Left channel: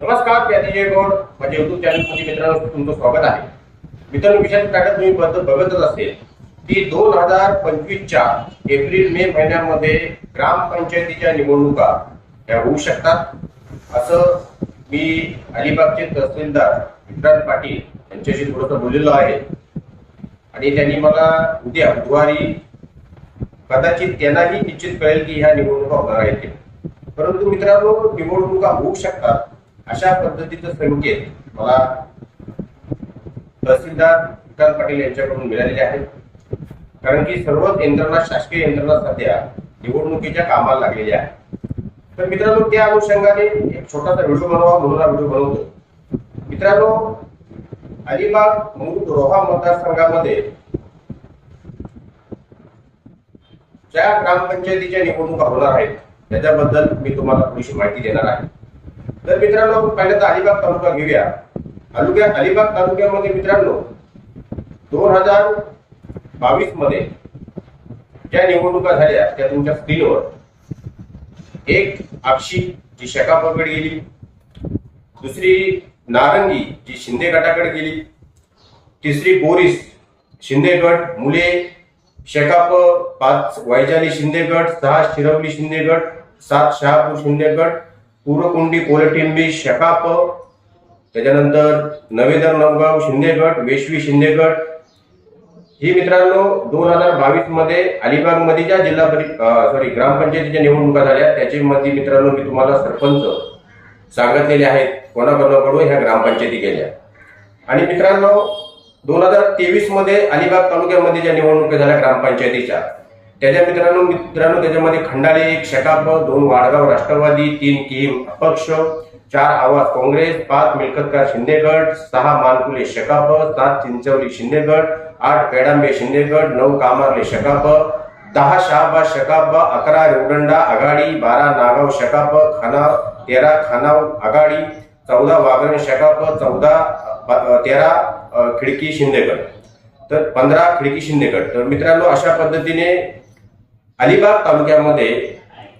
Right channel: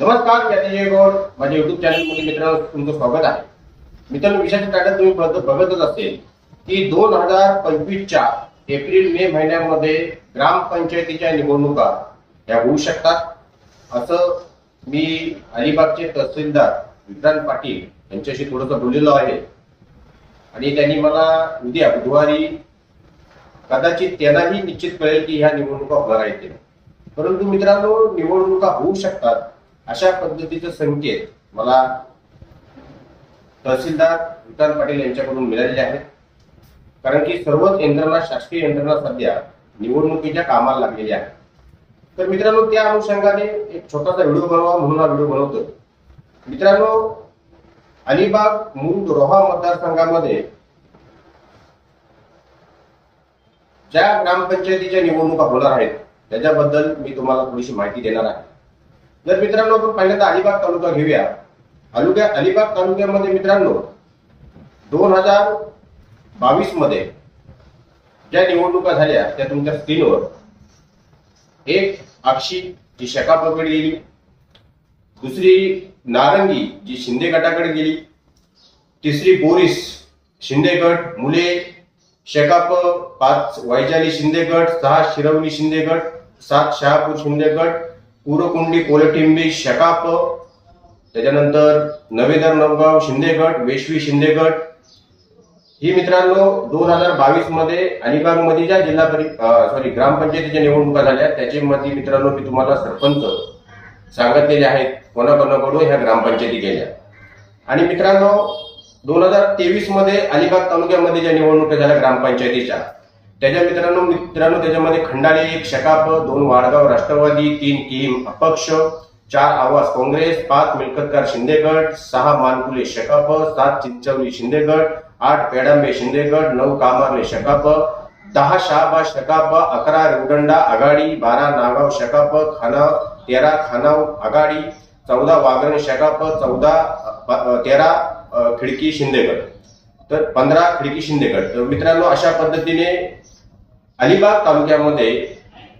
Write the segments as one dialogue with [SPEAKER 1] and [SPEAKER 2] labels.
[SPEAKER 1] नमस्कार मी गौड माझ्या युट्यूब चॅनलमध्ये मित्रांनो तुमचं स्वागत आहे. मित्रांनो विषयाचं टाटा तुम्ही बघतच असेल की दोन हजार पंचवीसच्या एप्रिल मे महिन्यामध्ये ग्रामपंचायतीच्या निवडणुका या होऊ शकतात. असं मी अलिबागचे तहसीलदार विक्रांत पाटील यांच्याशी थोडंसं बोललेलो आहे. आणि त्यांनी मला उद्या बुधवारी कदाचित त्यांनाही निश्चित कळेल की ह्या निवडणुका होणार आहेत ते. परंतु मित्रांनो निवडणुका होऊ शकतात. अशा पद्धतीचे संकेत मला तहसीलदार विकास पाटील यांच्याकडून मिळालेले आहेत. कारण की सर्वच यंत्रणा शासकीय यंत्रणा सध्या निवडणुकीच्या कामाला लागलेल्या आहे. तर मित्रांनो त्या अनुषंगाने एक छोटासा व्हिडिओ बनवा म्हणून हा व्हिडिओ बनवतो मित्रांनो अलिबाग मुरुड रोहा मतदारसंघामध्ये ज्या ग्रामपंचायतीच्या निवडणुका होणार आहेत त्याच्याबद्दल मी तुम्हाला थोडीशी माहिती देणार आहे. तर मित्रांनो आपण पहिल्यांदा अलिबाग तालुका घेऊया. तालुक्या अलिबाग तालुक्यामध्ये मित्रांनो दोन हजार बावीसमध्ये ज्या निवडणुका झाल्या त्या तुमच्या स्क्रीनवर. एक आक्षी जी शका पकड गेली. दुसरी नारंगी जी शिंदे गटाकडे गेली. तिसरी बोरीस शिंदे गट मुले शेकाप पाच वैजाली शिंदे गट सहा शिरवली शिंदे गट सात शहापूर शिंदे गट पूरकुंडी कोलटिंबी शकाप त्याच्यानंतर नवेदर नवगाव शिंदेगड वेशवी शिंदेगड. ही मित्रांनो दोन हजार बावीसमध्ये अलिबागमध्ये ज्या जिल्हा परि सॉरी ग्रामपंचायतीच्या निवडणुका झाल्या त्याच्यामध्ये मित्रांनो मी तुम्हाला सरपंच सांगितलेले आहेत. कोणाकोणाकडून? ह्या ग्रामपंचायती गेल्या आणि मित्रांनो दोन हजार तेवीसमध्ये अलिबाग तालुक्यामध्ये ज्या निवडणुका झाल्या ग्रामपंचायतीच्या त्याच्या मित्रांनो मित्रांनो त्याच्यामध्ये खंडाले एक शकाप दोन वाडगाव राष्ट्रवादी तीन किम अपक्ष चार आवाज काँग्रेस पाच मिळकतकार शिंदेगड सहा मानकुले शकाप सात चिंचवली शिंदेगड आठ पेडांबे शिंदेगड नऊ कामारले शकाप दहा शहाबा शकाप अकरा रेवडंडा आघाडी बारा नागाव शकाप खाना तेरा खानाव आघाडी चौदा वाघरण शकाप चौदा तेरा खिडकी शिंदेगड. तर पंधरा खिडकी शिंदेगड. तर मित्रांनो अशा पद्धतीने अलिबाग तालुक्यामध्ये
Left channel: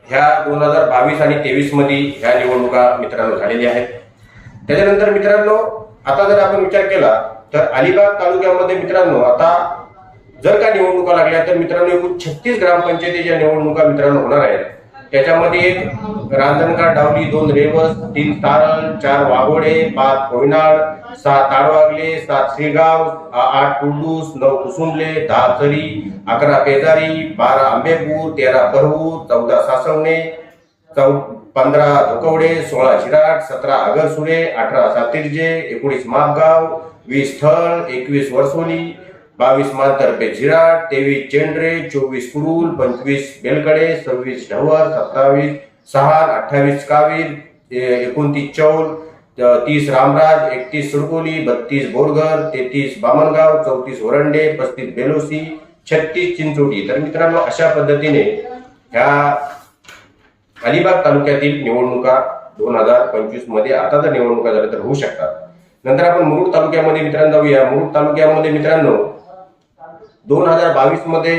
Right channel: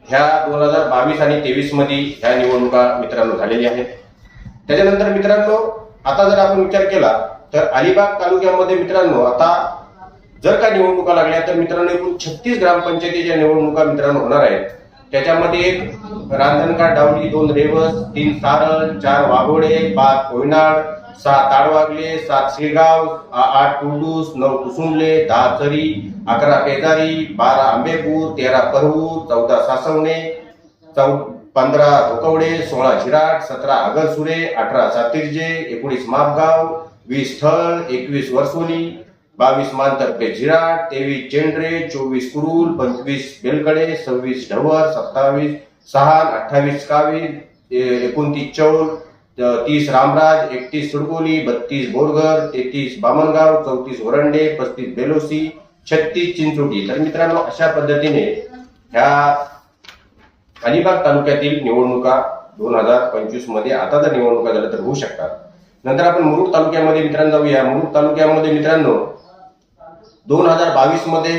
[SPEAKER 1] ह्या दोन हजार बावीस आणि तेवीसमध्ये ह्या निवडणुका मित्रांनो झालेल्या आहेत. त्याच्यानंतर मित्रांनो आता जर आपण विचार केला तर अलिबाग तालुक्यामध्ये मित्रांनो आता जर का निवडणुका लागल्या तर मित्रांनो एकूण छत्तीस ग्रामपंचायतीच्या निवडणुका मित्रांनो होणार आहेत त्याच्यामध्ये एक रांजणगाव डावली दोन रेवस तीन सारळ चार वाघोडे पाच कोयनाड सात आडवागले सात शेगाव आठ कुंडूस नऊ कुसुंबले दहा चरी अकरा पेजारी बारा आंबेपूर तेरा करवूर चौदा सासवणे चौ पंधरा धोकवडे सोळा शिराट सतरा आगरसुरे अठरा सातिर्जे एकोणीस मापगाव वीस थळ एकवीस वर्सोली बावीस मानतर्फे झिराट तेवीस चेंडरे चोवीस कुरुल पंचवीस बेलकडे सव्वीस ढवर सत्तावीस सहान अठ्ठावीस कावीर ए- एकोणतीस चौल तीस रामराज एकतीस सुडकोली बत्तीस बोरघर तेहतीस बामणगाव चौतीस ओरंडे पस्तीस बेलोसी छत्तीस चिंचोटी. तर मित्रांनो अशा पद्धतीने ह्या अलिबाग तालुक्यातील निवडणुका दोन हजार पंचवीसमध्ये आता जर निवडणुका झाल्या तर होऊ शकतात. नंतर आपण मुरुड तालुक्यामध्ये मित्रांनो जाऊया. मुरुड तालुक्यामध्ये मित्रांनो दोन हजार बावीसमध्ये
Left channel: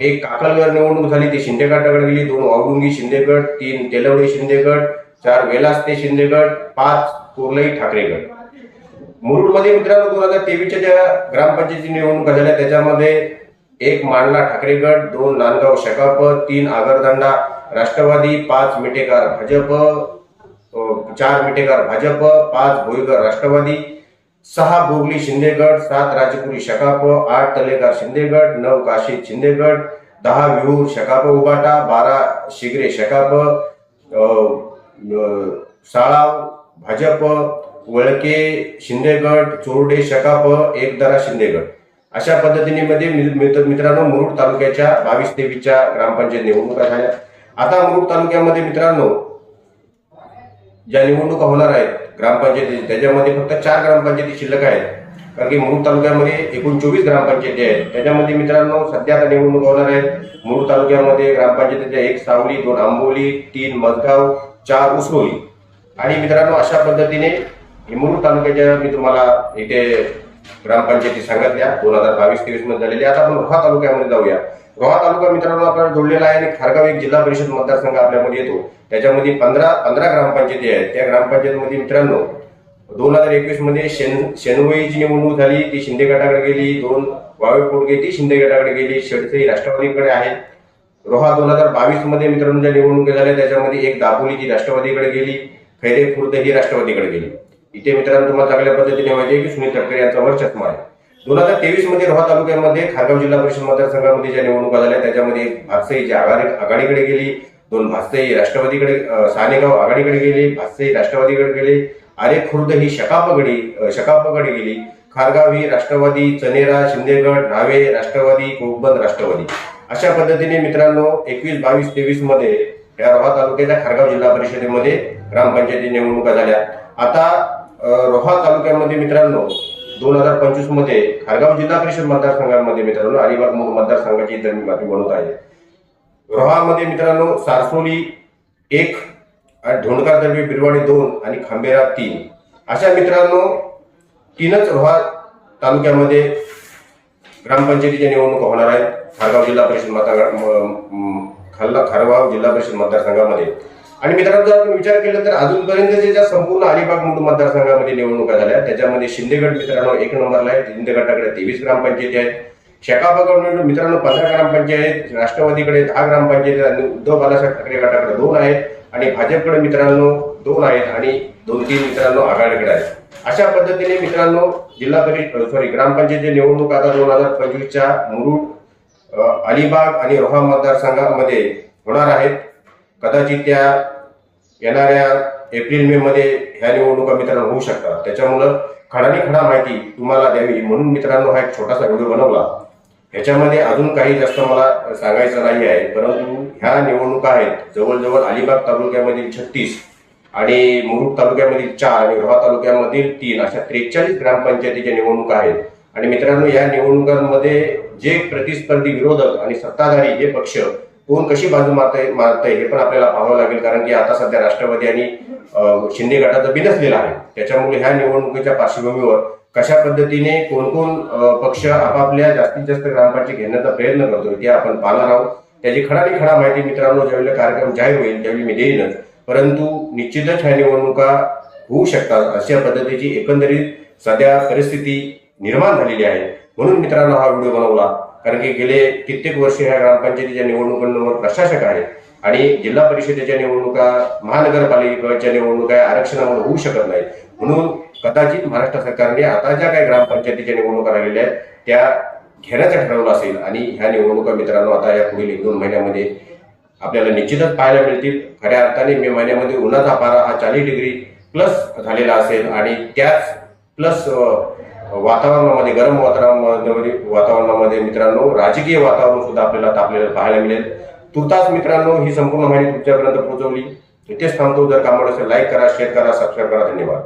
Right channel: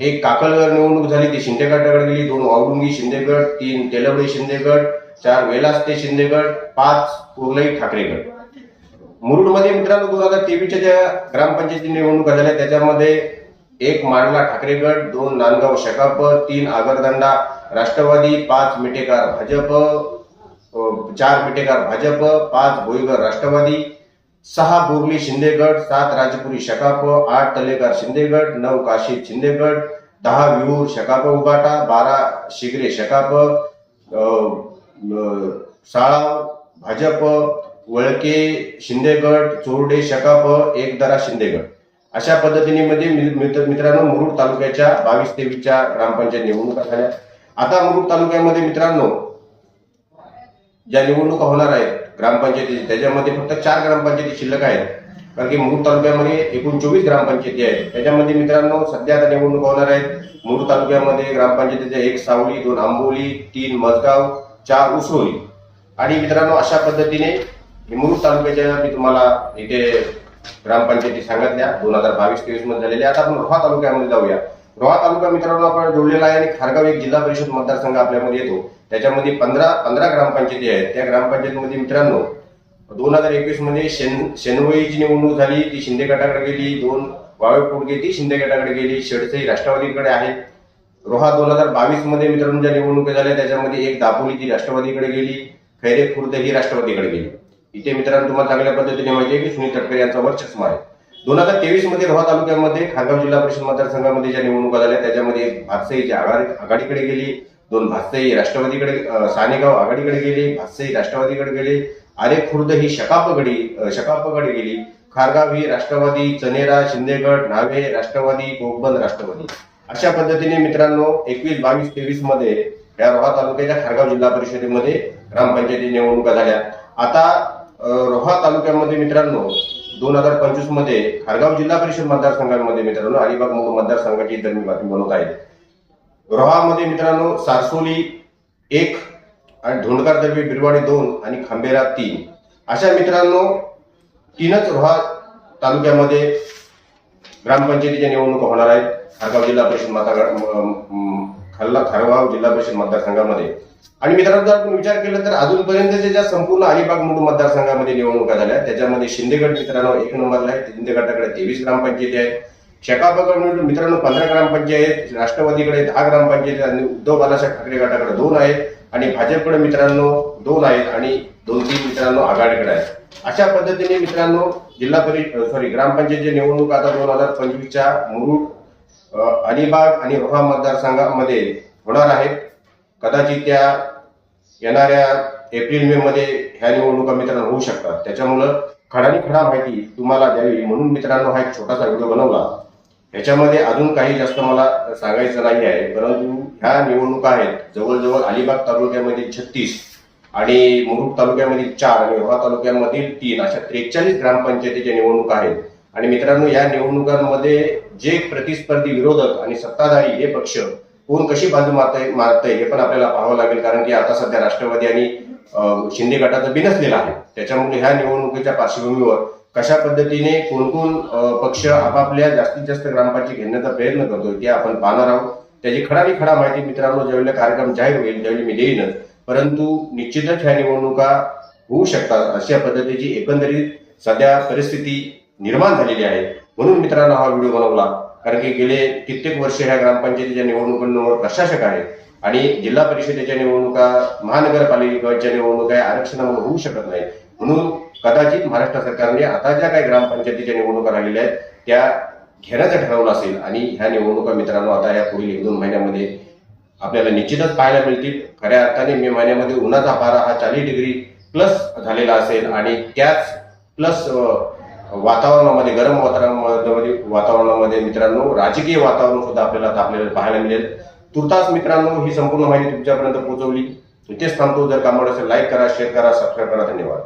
[SPEAKER 1] एक काकलगड निवडणूक झाली. ती शिंदेगडाकडे गेली दोन औडुंगी शिंदेगड तीन तेलवडे शिंदेगड चार वेलास ते शिंदेगड पाच कोरलई ठाकरे गट मुरुडमध्ये मित्रांनो दोन हजार तेवीसच्या ज्या ग्रामपंचायती निवडणुका झाल्या त्याच्यामध्ये एक मांडला ठाकरे गट दोन नांदगाव शकाप तीन आगरदंडा राष्ट्रवादी पाच मिठेकार भाजप चार मिठेकार भाजप पाच भोईगर राष्ट्रवादी सहा बोरली शिंदेगड सात राजपुरी शकाप आठ तलेकार शिंदेगड नऊ काशीद शिंदेगड दहा विहूर शकाप उबाटा बारा शिगरे शकाप साळाव भाजप वळके शिंदेगड चोरडे शकाप एकदरा शिंदेगड. अशा पद्धतीने मध्ये मित्रांनो मुरुड तालुक्याच्या बावीस तेवीसच्या ग्रामपंचायत निवडणुका झाल्या. आता मुरुड तालुक्यामध्ये मित्रांनो ज्या निवडणुका होणार आहेत ग्रामपंचायती त्याच्यामध्ये फक्त चार ग्रामपंचायती शिल्लक आहेत. कारण की मुरुड तालुक्यामध्ये एकूण चोवीस ग्रामपंचायती आहेत. त्याच्यामध्ये मित्रांनो सध्या आता निवडणुका होणार आहेत. मुरुड तालुक्यामध्ये ग्रामपंचायतीच्या एक सावली दोन आंबोली तीन मजगाव चार उसरोली आणि मित्रांनो अशा पद्धतीने हे तालुक्याच्या मी तुम्हाला इथे ग्रामपंचायती सांगितल्या दोन हजार बावीस तेवीसमध्ये झालेल्या. आता आपण रोहा तालुक्यामध्ये जाऊया. रोहा तालुका मित्रांनो आपण जोडलेला आहे आणि खारगाव एक जिल्हा परिषद मतदारसंघ आपल्यामध्ये येतो. त्याच्यामध्ये पंधरा पंधरा ग्रामपंचायती आहेत. त्या ग्रामपंचायतीमध्ये मित्रांनो दोन हजार एकवीसमध्ये शेन शेनवईची निवडणूक झाली ती शिंदे गटाकडे गेली. दोन वावे पोटगे ती शिंदे गटाकडे गेली. शेडसे राष्ट्रवादीकडे आहे रोहा दोन हजार बावीसमध्ये मित्रांनो ज्या निवडणुका झाल्या त्याच्यामध्ये एक दापोली जी राष्ट्रवादीकडे गेली खैरे खुर्द ही राष्ट्रवादीकडे गेली. इथे मित्रांनो तुम्हाला चांगल्या पद्धतीने माहिती आहे की सुनील तटकरे यांचा वर्चस्व आहे. दोन हजार तेवीसमध्ये रोहा तालुक्यामध्ये खारगाव जिल्हा परिषद मतदारसंघामध्ये ज्या निवडणुका झाल्या त्याच्यामध्ये एक भातसईची आघाडी आघाडीकडे गेली दोन भातसई राष्ट्रवादीकडे सानेगाव आघाडीकडे गेली भातसई राष्ट्रवादीकडे गेले आरे खुर्द ही शकापगडी शकापगडे गेली खारगाव ही राष्ट्रवादी चनेरा शिंदेगड नावे राष्ट्रवादी कोकबंद राष्ट्रवादी. अशा पद्धतीने मित्रांनो एकवीस बावीस तेवीसमध्ये या रोहा तालुक्याच्या खारगाव जिल्हा परिषदेमध्ये ग्रामपंचायती निवडणुका झाल्या. आता रोहा तालुक्यामध्ये मित्रांनो दोन हजार पंचवीसमध्ये खारगाव जिल्हा परिषद मतदारसंघामध्ये मित्रांनो अलिबाग मूळ मतदारसंघाची इतर मी बातमी बनवत आहे. रोहामध्ये मित्रांनो सारसोली एक आणि धोंडकार दर्बी बिरवाडी दोन आणि खांबेरा तीन. अशा मित्रांनो तीनच रोहा तालुक्यामध्ये ग्रामपंचायतीच्या निवडणुका होणार आहेत. खारगाव जिल्हा परिषद मतदार खल्ला खाल्ला खारगाव जिल्हा परिषद मतदारसंघामध्ये. आणि मित्रांनो जर आपण विचार केला तर अजूनपर्यंतच्या ज्या संपूर्ण अलिबाग मुंडू मतदारसंघामध्ये निवडणुका झाल्या त्याच्यामध्ये शिंदेगड मित्रांनो एक नंबरला आहे शिंदे गटाकडे तेवीस ग्रामपंचायती आहेत. शेकापगड मित्रांनो पंधरा ग्रामपंचायत राष्ट्रवादीकडे दहा ग्रामपंचायत आणि उद्धव बालासाहेब ठाकरे गटाकडे दोन आहेत आणि भाजपकडे मित्रांनो दोन आहेत आणि दोन तीन मित्रांनो आघाडीकडे आहेत. अशा पद्धतीने मित्रांनो जिल्हा परिषद सॉरी ग्रामपंचायत निवडणूक आता दोन हजार पंचवीसच्या मुरुड अलिबाग आणि रोहा मतदारसंघामध्ये होणार आहेत. कदाचित त्या येणाऱ्या एप्रिल मे मध्ये ह्या निवडणुका मित्रांनो होऊ शकतात. त्याच्यामुळं खडानी खडा माहिती तुम्हाला द्यावी म्हणून मित्रांनो हा एक छोटासा व्हिडिओ बनवला. ह्याच्यामध्ये अजून काही जास्त मला सांगायचं नाही आहे परंतु ह्या निवडणुका आहेत. जवळजवळ अलिबाग तालुक्यामधील छत्तीस आणि मुरुड तालुक्यामधील चार आणि रोहा तालुक्यामधील तीन अशा त्रेचाळीस ग्रामपंचायतीच्या निवडणुका आहेत. आणि मित्रांनो या निवडणुकांमध्ये जे प्रतिस्पर्धी विरोधक आणि सत्ताधारी हे पक्ष कोण कशी बाजू मारताय मारतंय हे पण आपल्याला पाहावं लागेल. कारण की आता सध्या राष्ट्रवादी आणि शिंदे गटाचं बिनसलेलं आहे. त्याच्यामुळे ह्या निवडणुकीच्या पार्श्वभूमीवर कशा पद्धतीने कोणकोण पक्ष आपापल्या जास्तीत जास्त ग्रामपंचायत घेण्याचा प्रयत्न करतोय ते आपण पाहणार आहोत. त्याची खडानी खडा माहिती मित्रांनो ज्यावेळेला कार्यक्रम जाहीर होईल त्यावेळी मी देईनच. परंतु निश्चितच ह्या निवडणुका होऊ शकतात अशा पद्धतीची एकंदरीत सध्या परिस्थिती निर्माण झालेली आहे. म्हणून मित्रांनो हा व्हिडिओ बनवला. कारण की गेले कित्येक वर्ष ह्या ग्रामपंचायतीच्या निवडणुकांवर प्रशासक आहेत. आणि जिल्हा परिषदेच्या निवडणुका महानगरपालिकेच्या निवडणुका या आरक्षणामुळे होऊ शकत नाहीत. म्हणून कदाचित महाराष्ट्र सरकारने आता ज्या काही ग्रामपंचायतीच्या निवडणुका राहिलेल्या आहेत त्या घेण्याचं ठरवलं असेल. आणि ह्या निवडणुका मित्रांनो आता या पुढील एक दोन महिन्यामध्ये आपल्याला निश्चितच पाहायला मिळतील. खऱ्या अर्थाने मे महिन्यामध्ये उन्हाचा पारा हा चाळीस डिग्री प्लस झालेला असेल. आणि त्याच प्लस वातावरणामध्ये गरम वातावरणामध्ये वातावरणामध्ये मित्रांनो राजकीय वातावरण सुद्धा आपल्याला तापलेलं पाहायला मिळेल. तुर्तास मित्रांनो ही संपूर्ण माहिती तुमच्यापर्यंत पोहोचवली. इथेच थांबतो. जर काम असेल लाईक करा शेअर करा सबस्क्राईब करा. धन्यवाद.